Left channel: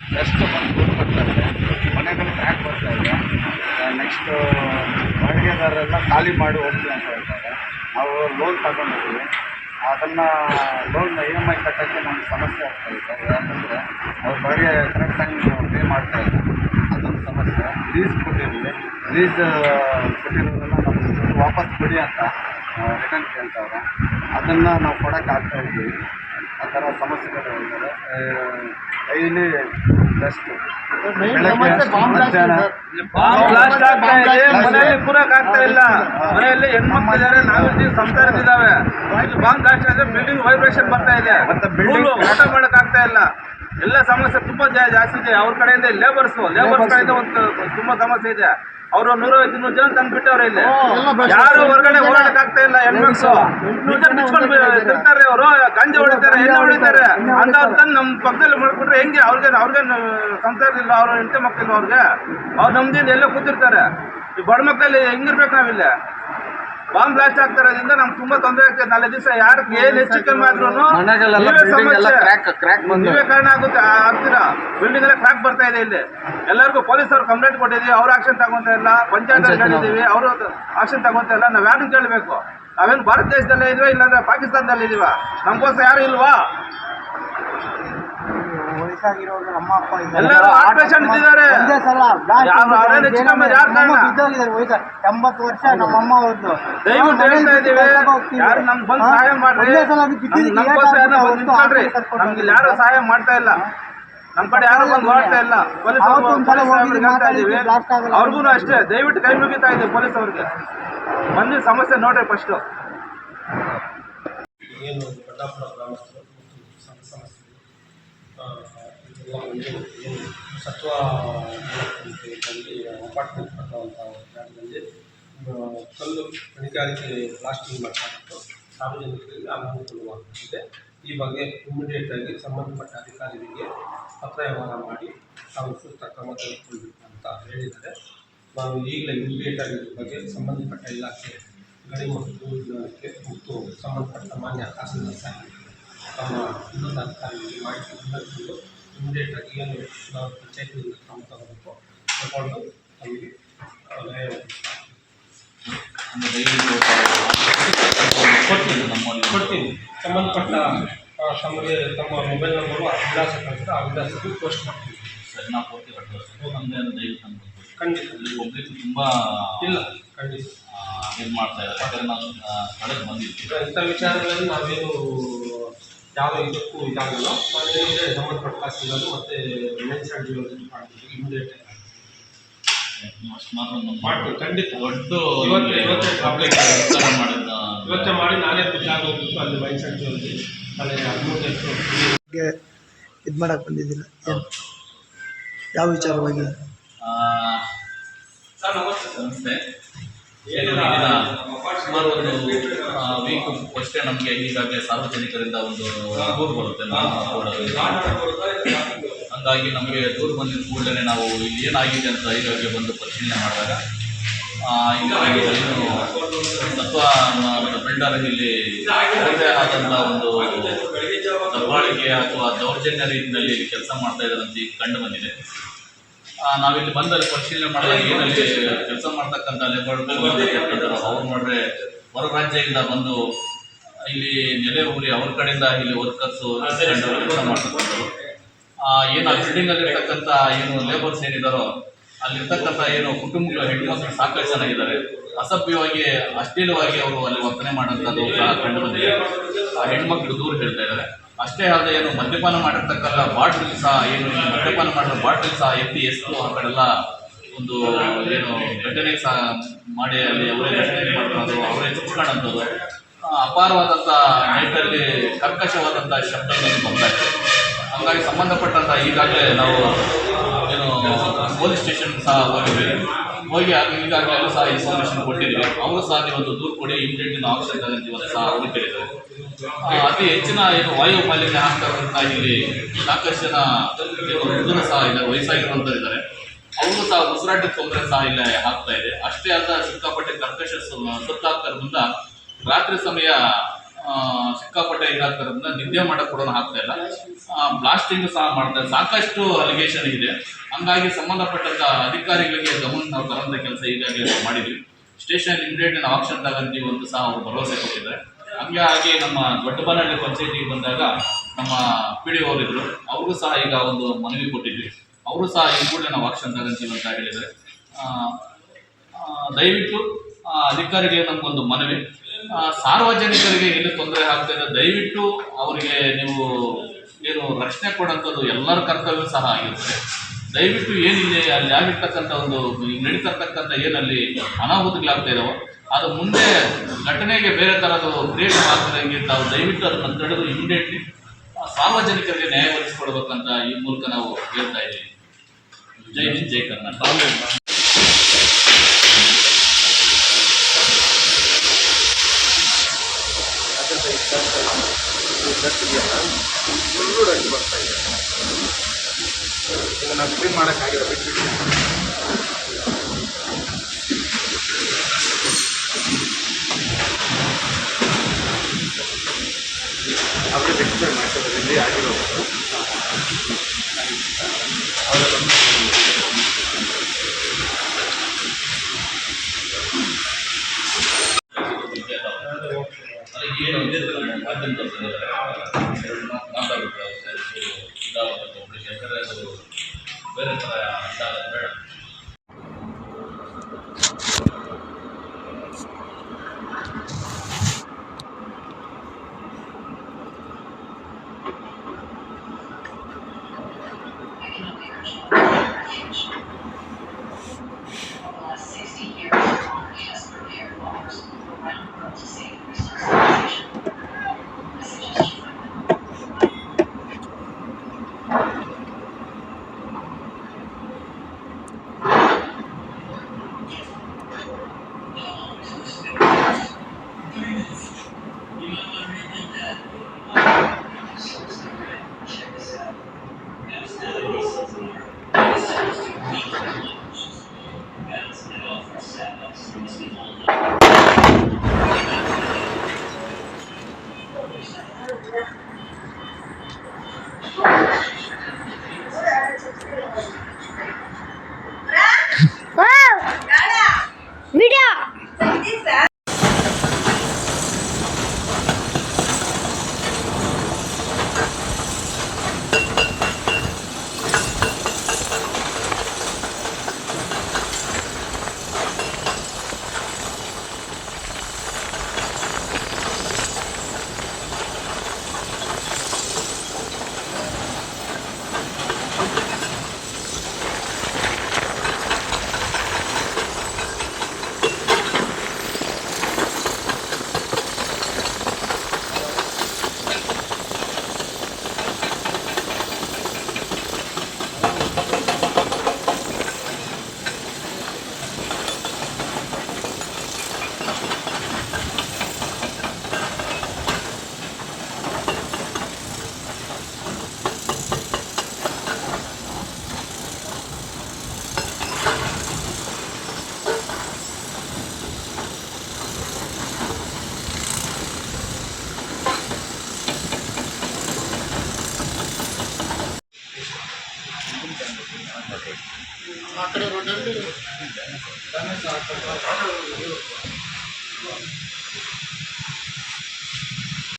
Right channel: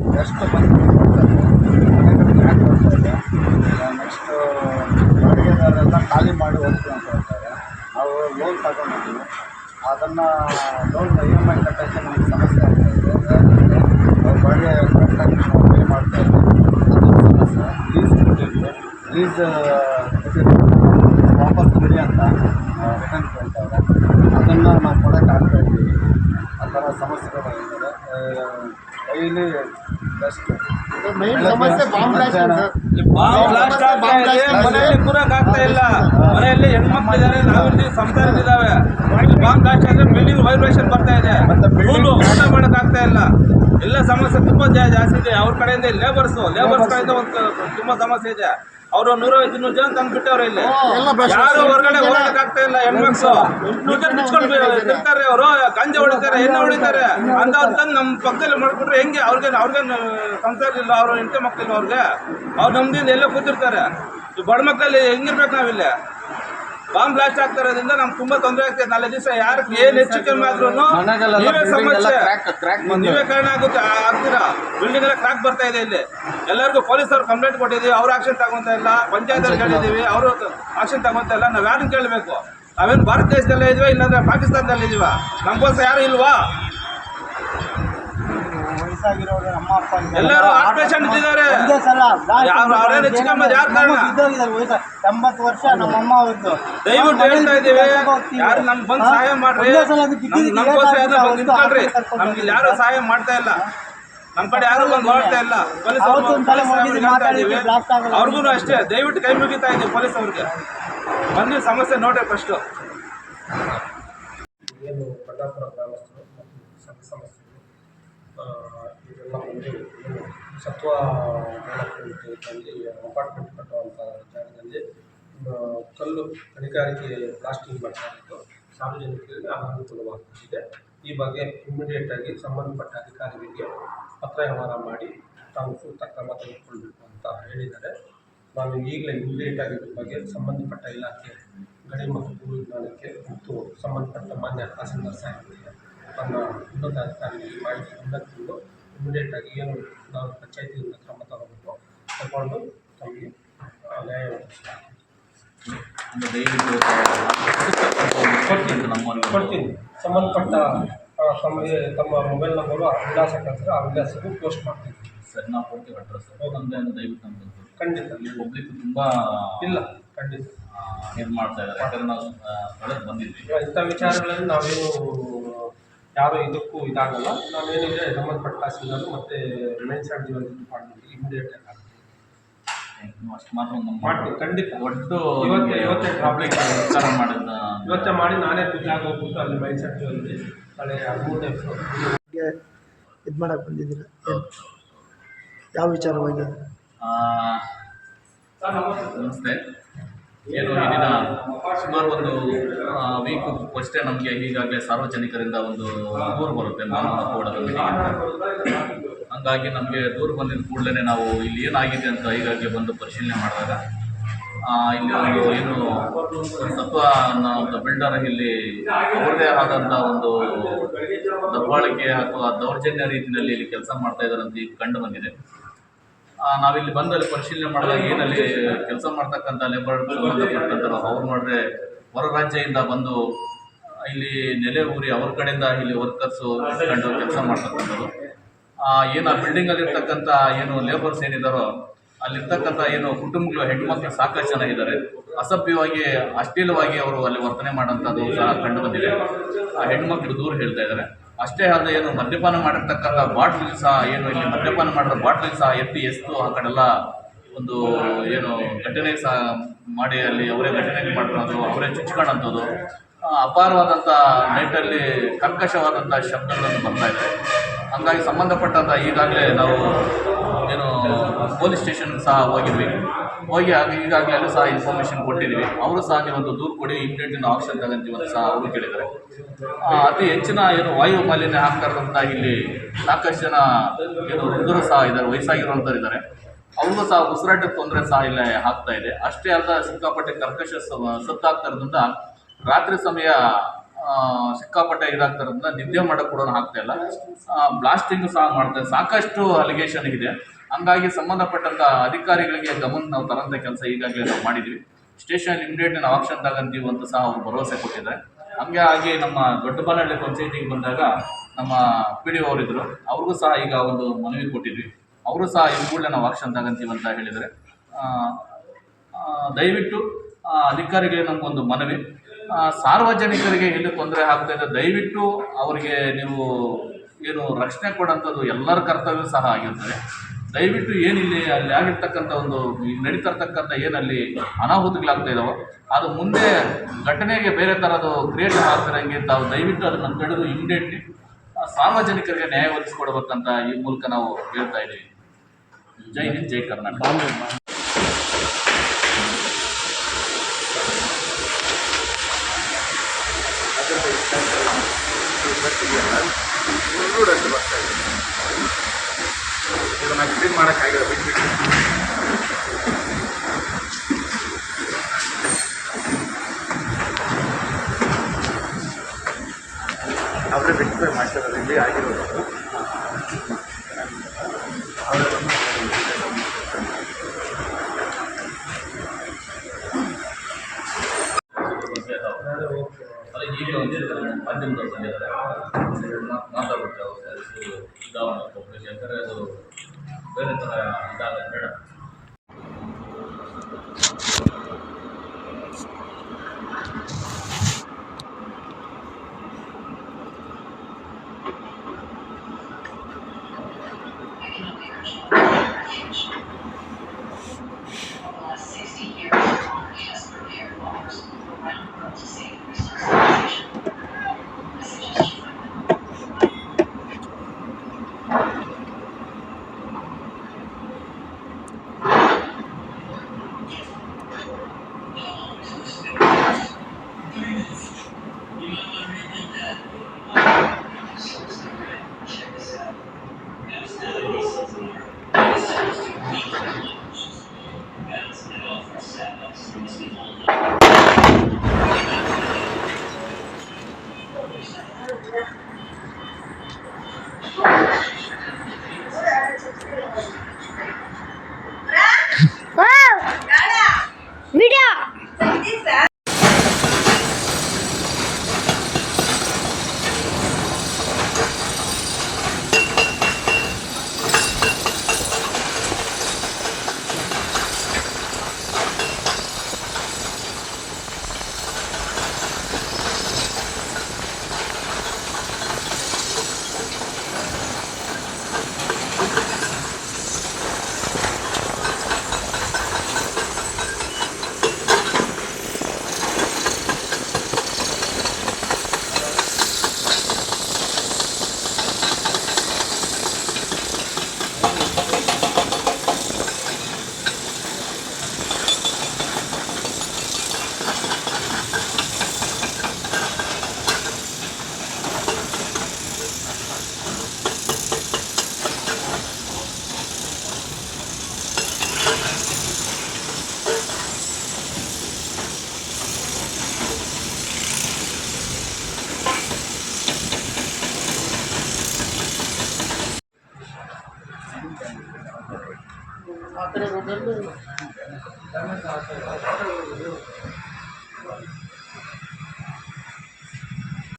Dust ಬಂದು ಕೂತ್ಕೊಳ್ತಾರೆ, ಮನೆಗಳು crack ಬರ್ತಾ ಇದೆ. ನೆಕ್ಸ್ಟು ಬಾಡಿಗೆದಾರರೆಲ್ಲ ಖಾಲಿ ಮಾಡಿ ಹೋಗ್ತೀವಿ ಅಂತ ಹೇಳ್ತಾರೆ. ನಾವು ಲೋನ್ ತಗೊಂಡಿದ್ದೀವಿ, ಅದನ್ನು ಲೋನ್ EMI ಕಟ್ಟೋಕ್ಕೆ ನಮ್ಗೆ ಸಮಸ್ಯೆ ಆಗ್ತಾಯಿದೆ. ಯಾಕಂದರೆ ಅವ್ರ ಬಾಡಿಗೆ ಕರೆಕ್ಟಾಗಿ ನಾವು ಪೇ ಮಾಡ್ತಾಯಿಲ್ಲ, ಅದೊಂದು ಸಮಸ್ಯೆ. ಲೀಸ್ ಕೊಟ್ಟಿದ್ವಿ, ಲೀಸ್ ಕೊಟ್ಟಿರೋದನ್ನು ನಾವು ವಾಪಸ್ ಕೊಡಿ ಅಂತ ರಿಟರ್ನ್ ಕೇಳ್ತಾವ್ರೆ. ಅದನ್ನು ನಾವು ಕೊಡೋಕ್ಕಾಗ್ತಾಯಿದ್ದೀವಿ. ಆ ಥರ ಸಮಸ್ಯೆಗಳು ಇದ್ದಾರೆ. ಡೈಲಿ ಡಸ್ಟ್ ಮನೆಯಲ್ಲಿ ಕೂರಕ್ ಆಗ್ತಾ ಇಲ್ಲ. ಮನೆಯಲ್ಲಿ ಹೆಣ್ಮಕ್ಳು ಇದ್ದಾರೆ, ನಾವಿರ್ತೀವಿ, ಸಂಸಾರಗಳಿದ್ದಾವೆ. ಬಾಂಬ್ ಬ್ಲಾಸ್ಟ್ ಆದರೆ ಬಿಲ್ಡಿಂಗ್ ವೈಬ್ರೇಷನ್ ಬರ್ತಾ ಇದೆ, ಊಟ ಮಾಡಕ್ ಆಗ್ತಾ ಇಲ್ಲ. ಎಲ್ಲ ಸಮಸ್ಯೆ ತುಂಬ ಜಾಸ್ತಿ ಇದೆ. ಅವ್ರ ಕಡೆಯಿಂದ ಲೇಬರ್ಸ್ ಕಡೆಯಿಂದ ಒಂದು ತುಂಬ ಸಮಸ್ಯೆ ಇದೆ. ಅವರು 150-200 ಜನ ತಂದು ಬಿಟ್ಟವ್ರೆ. ಇಲ್ಲಿ ಯಾರು ಹೊರಗಡೆ ಹೋಗಕ್ ಆಗ್ತಾ ಇಲ್ಲ. ಹೆಣ್ಮಕ್ಳು ಬಿಚ್ಕೊಂಡು ತಿರ್ತಾರೆ, ಅವರು ಗಂಜೆ ಹೊಡಿತಾರೆ, ಎಣ್ಣೆ ಹೊಡಿತಾರೆ ಅಂತ ತಂದು ನಮ್ಮ ಪಕ್ಕದಲ್ಲಿ ಮಾಡ್ಬಿಟ್ರೆ ಹೆಂಗೆ? ಅವ್ರಿಗೇನು ಸಂಸಾರ ಇಲ್ಲ, ಅವ್ರ ಹೆಂಡತಿ ಮಕ್ಕಳಿಲ್ಲ, ಅವ್ರು ನಮ್ದಿಂದ ಎಲ್ಲ ಕೂತಿರ್ತಾರೆ. ಈ ಬಡ ಮಕ್ಕಳಲ್ಲಿ ಹೆಂಗಿರ್ಬೇಕು ನಾವಿಲ್ಲ? ಬಾಂಬ್ ಬ್ಲಾಸ್ಟ್ ಆಗ್ತಾ ಇರೋದ್ರಿಂದ ನಮ್ಗೆ ತುಂಬಾ ತೊಂದರೆ ಆಗ್ತದೆ. 4 ದಿವಸ ಯಾರು ಏನ್ ಹೆಚ್ಚು ಕಮ್ಮಿ ಆದ್ರೂ ನೀವೇ ಕಾರಣ ಆಗ್ತೀರಾ. ಬಿಲ್ಡಿಂಗ್ ಎಲ್ಲ ಕ್ರಾಕ್ ಬರ್ತಾ ಇದೆ. ಇಲ್ಲಿ ಎಲ್ಲರಿಗೂ ಪೊಲೀಸರು ಕಂಪ್ಲೇಂಟ್ ಕೊಟ್ಟಿದ್ದೀವಿ, ಅವ್ರು ಆಕ್ಷನ್ ತಗೊಂತ ಇಲ್ಲ. ಪಂಚಾಯತ್ ಹೇಳಿದ್ದೀವಿ, ಅವರು ಆಕ್ಷನ್ ತಗೊಂತ ಇಲ್ಲ. ನಾವ್ ಯಾರನ್ನ ಕೇಳಬೇಕು? ನಾವೇನು ಭಾರತ ದೇಶದಲ್ಲೇ ಇದೀವ, ಇಲ್ಲಾಂದ್ರೆ ಪಾಕಿಸ್ತಾನದಲ್ಲಿ ಇದೀವ? ನಮ್ಗೋಸ್ಕರ ಯಾರು ಇಲ್ವಾ? ಎಲ್ಲರೂ ಹಾರ್ಟ್ ಪೇಷಂಟ್ ಇದ್ದಾರೆ. ವರ್ಷ ನಮ್ಮಮ್ಮ ಅವ್ರದ್ದು. ದಯವಿಟ್ಟು ಹೇಳ್ತಾ ಇದ್ದೀವಿ, ಯಾರು ನಮ್ಗೆ ಬಂದು ಸಹಾಯ ಮಾಡ್ರಿ. ನಮ್ಗೆ ಯಾರು ಸಹಾಯ ಮಾಡ್ತಾ ಇಲ್ಲ. ನಮ್ಮ ಕಡೆ ಯಾರು ಬಂದು ಹೊರಡ್ತಾ ಇಲ್ಲ. ಪೊಲೀಸ್ ಅವ್ರಿಗೆ ಹೇಳ್ತಾ ಇದ್ದೀವಿ, ಅವ್ರಿಗೂ ಅಷ್ಟೇ ದಯವಿಟ್ಟು ಕೈ ಮುಗಿತಾ ಇದ್ದೀವಿ. ಪೊಲೀಸ್ ಅವ್ರಿಗೆ ಬಂದು ಸಮಸ್ಯೆ ನೋಡ್ರಿ ಫಸ್ಟು. ಏನು ಬಳ್ಳಾಪುರ ಗ್ರಾಮಸ್ಥರು ಮತ್ತು ಸಂಘ ಸಮಸ್ಯೆಗಳು ಇದೆಲ್ಲ ಒಂದು ಏನು ಸತ್ವ ಡೆವಲಪ್ಮೆಂಟ್ನಲ್ಲಿ ಅಪಾರ್ಟ್ಮೆಂಟ್ ಕಟ್ಟುವಂಥ ಜಾಗದಲ್ಲಿ ಕಲ್ಲು ಗಣಿಗಾರಿಕೆ ಬ್ಲಾಸ್ಟಿಂಗ್ ಮಾಡ್ತಾ ಇತ್ತು. ಸಾರ್ವಜನಿಕರಿಗೆ ಅನಾನುಕೂಲವಾಗುತ್ತಿದೆ. ಈ ಬಗ್ಗೆ ಇಮಿಡಿಯೇಟಾಗಿ ಸಂಬಂಧಪಟ್ಟ ಅಧಿಕಾರಿಗಳಿಗೆ ಪತ್ರ ವ್ಯವಹಾರ ಮಾಡಿ ತಾವು ಸೂಕ್ತ ಕ್ರಮ ತೆಗೆದುಕೊಳ್ಬೇಕು ಅಂತ ಹೇಳಿದ್ದಾರೆ. ನಾನು ಈಗಲೇ ಇಮಿಡಿಯೇಟಾಗಿ ಇದ್ರ ಬಗ್ಗೆ ಸಂಬಂಧಪಟ್ಟ ಇಲಾಖೆ ಗಣಿ ಮತ್ತು ಭೂ ವಿಜ್ಞಾನಕ್ಕೆ ಮತ್ತು ಸಂಬಂಧಪಟ್ಟ ಮಾನ್ಯ ತಹಸೀಲ್ದಾರ್ ಸಾಹೇಬರಿಗೆ ತಮ್ಮ ಉನ್ನತ ಅಧಿಕಾರಿಗಳಿಗೆ ಮಾಹಿತಿ ತಂದು ಇಮಿಡಿಯೇಟಾಗಿ ಏನು ನಾವು ಪಂಚಾಯತಿಯಿಂದ ಕ್ರಮ ತಗೋಬೇಕು ತಗೊಂಡು ತಮಗೆ ನ್ಯಾಯ ಕೊಡ್ತೀನಿ. ಸಂಬಂಧಪಟ್ಟ ತಮಗೆ ತಮ್ಮ ಮೊಬೈಲ್ ನಂಬರು ಆ ವಿಳಾಸ ಕಳಿಸಿದ್ರೆ ಆ ವಿಳಾಸಕ್ಕೆ ಪೋಸ್ಟ್ ಮಾಡ್ತೀನಿ. ಸರಿ, ನಾವು ಪೂರ್ತಿ ನಮ್ಮದೇ ದಯವಿಟ್ಟು ನಮ್ಗೆ ಖಂಡಿತ ಅಲ್ಲಿ ಪಬ್ಲಿಕ್ ತುಂಬ ಇಲ್ಲ ಖಂಡಿತ ಇದು ಮಾಡ್ತಾ ಇದ್ದಾರೆ. ಯಾಕಂದರೆ ನಾವು ಸ್ಥಳಕ್ಕೆ ಬಂದಿದ್ವಿ. ಇಂಥ ವಿಚಾರಗಳಲ್ಲಿ ನಾವೇನು ಯಾವುದೋ ಇದಕ್ಕೂ ಇದಾಗಲ್ಲ. ನಾವೇನಿದೆ ಸಂಬಂಧಪಟ್ಟ ತಹಸೀಲ್ದಾರ್ ಮತ್ತು ಮೈನ್ಸ್ ಆ್ಯಂಡ್ ಜ್ಯುವೆಲರಿ ಡಿಪಾರ್ಟ್ಮೆಂಟ್ಗೆ ಇಮಿಡಿಯೇಟ್ ಆಗಿ ಅಷ್ಟು ಮಾತ್ರ ಮಾಡ್ತೀನಿ. ಖಂಡಿತ ಒಟ್ಟು ಇವತ್ತೇ ಪಬ್ಲಿಕ್ ವಿಚಾರ ಮಾಡಿದ ಇವತ್ತೇ ಮಾಡಿ ನಾನೇ ಖುಷಿ ಆಗೋಗ್ಬಿಟ್ಟು ಅಲ್ಲಿ ಮೈನ್ಸ್ ಆ್ಯಂಡ್ ಜ್ಯುವೆಲರಿ ಅಲ್ಲಿ 13ನೇ ಇದು ಮಾಡಕ್ಕೆ ಬಂದಿದ್ದಿಲ್ಲ. ಯಾವ ವಿಚಾರವಾಗಿ? ನಮಸ್ತೆ. ಏನು ಈ ದಿನ ಸುಮಾರು ಒಂದು ವೀಕ್ ಅಷ್ಟೇ ನಮಗೆ ಈಗಾಗಲೇ ಸಾರ್ವಜನಿಕರಿಂದ ಒಂದು ದೂರು ಬರುತ್ತೆ ಹಂಗಾಗಿ ನಮಗೆ ದೂರು ಬಂದಿದ್ದ ಕೂಡಲೇ ನಾವು ಇಲ್ಲಿ ಏನಾಗಿದೆ ಅಂತ ಈಗಾಗಲೇ ಬಂದು ಪರಿಶೀಲನೆ ಮಾಡಿದಾಗ ಇಲ್ಲಿ ಏನು ಸತ್ವ ಬಿಲ್ಡರ್ ಇಲ್ಲಿ ಅವ್ರದೇ ಆದಂಥ ಒಂದು ದಬ್ಬಾಳಿಕೆ ಅಥವಾ ದೌರ್ಜನ್ಯ ರೀತಿಯಲ್ಲಿ ಇಲ್ಲಿ ಕೆಲಸ ಮಾಡ್ತಾ ಇದ್ದಾರೆ ಅಂತ ಈಗ ಕಂಡು ಬಂದಿದೆ. ನಾವಿಲ್ಲಿ ಬಂದಲ್ಲಿ ಪರಿಶೀಲನೆ ಮಾಡಿದಾಗ ಏನಲ್ಲಿ ಕೆಲಸ ಮಾಡ್ತಕ್ಕಂಥ ಲೇಬರ್ ಸಂಬಂಧಪಟ್ಟಂಥವ್ರು ಅವ್ರು ನೋಡ್ರೆ ಹೊರ ರಾಜ್ಯದಿಂದ ಬಂದು ಇಲ್ಲಿ ನೆಲೆ ಊರಿ ಅವ್ರ ಕಡೆಯಿಂದ ಇಲ್ಲಿ ವರ್ಕರ್ಸು ಇಸ್ಕೊಂಡು ಕೆಲಸ ಮಾಡ್ತಕ್ಕಂಥವ್ರು. ಏನು ಆ ಬಿಲ್ಡಿಂಗಲ್ಲಿ ಇರ್ತಕ್ಕಂಥ ಏನು ಲೇಬರ್ಸ್ ಏನಿದ್ದಾರೋ ಅಲ್ಲಿರ್ತಕ್ಕಂಥ ಏನು ಕುಟುಂಬಗಳು ಹೆಣ್ಮಕ್ಳು ಸಾಕಷ್ಟು ಜನ ಇದ್ದಾರೆ. ಅಸಭ್ಯವಾಗಿ ಅಶ್ಲೀಲವಾಗಿ ಅವರು ಅಲ್ಲಿ ವರ್ತನೆ ಮಾಡೋಂಥದ್ದು ಸಹ ಕಂಡು ಬಂದಿದೆ. ಆ ಹೆಣ್ಮಕ್ಳು ದೂರ ಹೇಳ್ತಾ ಇದ್ದಾರೆ. ಅಷ್ಟೇ ಅಲ್ಲದೆ ಏನು ಮದ್ಯಪಾನ ಮಾಡಿರ್ತಕ್ಕಂಥ ಬಾಟ್ಲ್ ಸಹ ಏನು ಇಲ್ಲಿ ಮದ್ಯಪಾನ ಮಾಡಿದ ಬಾಟ್ಲ್ ಸಹ ಎತ್ತು ಆ ಕಡೆಲ್ಲ ಒಂದು ಏನು ಘಟನೆ ಸಹ ಮಾಡಿ ಅಲ್ಲಿ ಅವರೇ ಘಟನೆ ಮಾಡ್ಕೊಳ್ಳೋದು, ಅವರೇ ಚುಚ್ಕೊಳ್ಳೋಂಥದ್ದು, ಅಪಾರವಾದಂಥ ನೈಟಲ್ಲಿ ಕರ್ಕಶವಾದಂಥ ಶಬ್ದಗಳನ್ನು ಬರ್ತಾ ಇದೆ. ಹಂಗಾಗಿ ಸಂಬಂಧಪಟ್ಟಂಥ ಈಗಾಗಲೇ ನಾವು ಏನು ಪೊಲೀಸ್ ಸ್ಟೇಷನ್ಗೆ ಸಹ ಹೋಗಿ ಈಗಾಗಲೇ ಎಲ್ಲೂ ಸಹ ಇನ್ಫಾರ್ಮೇಷನ್ ಕೊಟ್ಟಿದ್ದೀವಿ. ಅವರು ಸಹ ನೀವೊಂದು ದೂರು ಕೊಡಿ, ಇಮಿಡಿಯೇಟ್ ಆಕ್ಷನ್ ತಗೊಂತೀವಿ ಅಂತ ಸಹ ಅವರು ಕೇಳಿದ್ದಾರೆ. ಅತಿ ಹೆಚ್ಚಿನ ಏನು ವಾಯು ಮಾಲಿನ್ಯ ಆಗ್ತಾ ಇರುವಂಥ ಇಲ್ಲಿ ಸಾಕಷ್ಟು ಜನ ಏನು ವೃದ್ಧರು ಸಹ ಇದ್ದಾರೆ, ವಯಸ್ಸಾಗಿರುವಂಥವ್ರು ಇದ್ದಾರೆ. ಅವ್ರಿಗೂ ಸಹ ಉಸಿರಾಟದ ತೊಂದರೆ ಸಹ ಇಲ್ಲ ಆಗ್ತಾ ಇದೆ. ಅಷ್ಟೇ ಅಲ್ಲದ ಸಿಕ್ಕಾಪಟ್ಟೆ ಕರ್ಕಶ ಸತ್ತಾಗ್ತಾ ಇರೋದ್ರಿಂದ ರಾತ್ರಿ ಸಮಯ ಸಿಕ್ಕಾಪಟ್ಟೆ ಇದಾಗ್ತಿರೋದ್ರಿಂದ ನಿದ್ದೆ ಮಾಡೋಕ್ಕೆ ಕೂಡ ಆಗ್ತಾ ಇಲ್ಲ. ಬ್ಲಾಸ್ಟಿಂಗ್ ಸಹ ಮಾಡ್ತಾರೆ. ಸಾಕಷ್ಟು ಅಲಿಗೇಷನ್ ಇದೆ. ಹಂಗಾಗಿ ಸಂಬಂಧಪಟ್ಟಂಥ ಅಧಿಕಾರಿಗಳಿಗೆ ಗಮನ ನಾವು ತರಂಥ ಕೆಲಸ ಈಗಾಗಲೇ ನಾವು ಮಾಡಿದ್ವಿ. ಸ್ಟೇಷನ್ ಇಮಿಡಿಯೇಟ್ ನಾವು ಆಕ್ಷನ್ ತಗೊಂತೀವಿ ಅಂತ ಸಹ ಅವರು ಭರವಸೆ ಕೊಟ್ಟಿದ್ದಾರೆ. ಹಂಗಾಗಿ ನಮ್ಮ ದೊಡ್ಡಬನಹಳ್ಳಿ ಪಂಚಾಯತಿಗೆ ಬಂದಾಗ ನಮ್ಮ PDO ಅವರಿದ್ದರು, ಅವ್ರಿಗೂ ಸಹ ಈಗ ಒಂದು ಮನವಿ ಕೊಟ್ಟಿದ್ವಿ. ಅವರು ಸಹ ಈ ಕೂಡಲೇ ನಾವು ಆಕ್ಷನ್ ತಗೊಂತೀವಿ ಅಂತ ಹೇಳಿದರೆ, ದಯವಿಟ್ಟು ಅಧಿಕಾರಿಗಳಿಗೆ ನಮಗೊಂದು ಮನವಿ, ಸಾರ್ವಜನಿಕರಿಗೆ ಎಲ್ಲಿ ತೊಂದರೆ ಆಗ್ತಾ ಇದೆ ದಯವಿಟ್ಟು ಅವರಿಗೆ ನೀವು ಏನು ರಕ್ಷಣೆ ಕೊಡೋಂಥದ್ದು ಎಲ್ಲರ ಕರ್ತವ್ಯ ಸಹ ಆಗಿರ್ತದೆ. ದಯವಿಟ್ಟು ಏನಿಲ್ಲಿ ಅಲ್ಲಿ ಆಗಿರ್ತಕ್ಕಂಥ ಒಂದು ನಡೀತಿರ್ತಕ್ಕಂಥ ಏನಲ್ಲಿ ಅನಾಹುತಗಳಾಗ್ತಾ ಇದ್ದಾವೆ ಅದು ಮುಂದೆ ಘಟನೆಗೆ ಬೇರೆ ಥರದ್ದು ಕ್ರಿಯೇಟ್ ಆಗ್ತಿರಂಗೆ ತಾವು ದಯವಿಟ್ಟು ಅದನ್ನು ತಡೆದು ಇಮಿಡಿಯೇಟ್ಲಿ ಸಾರ್ವಜನಿಕರಿಗೆ ನ್ಯಾಯ ಒದಗಿಸ್ಕೊಡ್ಬೇಕಂತ ಈ ಮೂಲಕ ನಾವು ಹೇಳ್ತಾ ಇದ್ದೀವಿ. ಜೈ ಹಿಂದ್, ಜೈ ಕರ್ನಾಟಕ. ಇದನ್ನು ಕ್ಲೀನ್ ಮಾಡೋಕ್ಕಾಗಿಲ್ಲ, ಬಿಟ್ಬಿಟ್ಟು ಅವರೇ ರೆಕ್ಟಿಫೈ ಮಾಡ್ತಾರೆ. ಇಲ್ಲಿ ಆಗಿರೋದು ಅವರೇ ಬಂದು ಈಗ ಮಾಧ್ಯಮದವ್ರು ಬಂದಿದ್ದಾರೆ, ಮಾತಾಡುತ್ತೆ ಅವ್ರು ಇದಾವಂತ ಪಬ್ಲಿಕ್, ಯಾಕಂದರೆ ಅದು ಬೇರೆ ಥರ ಇದಾಗೋದು ಬೇಡ. ಆ ಕಡೆ ರೋಡಲ್ಲಿ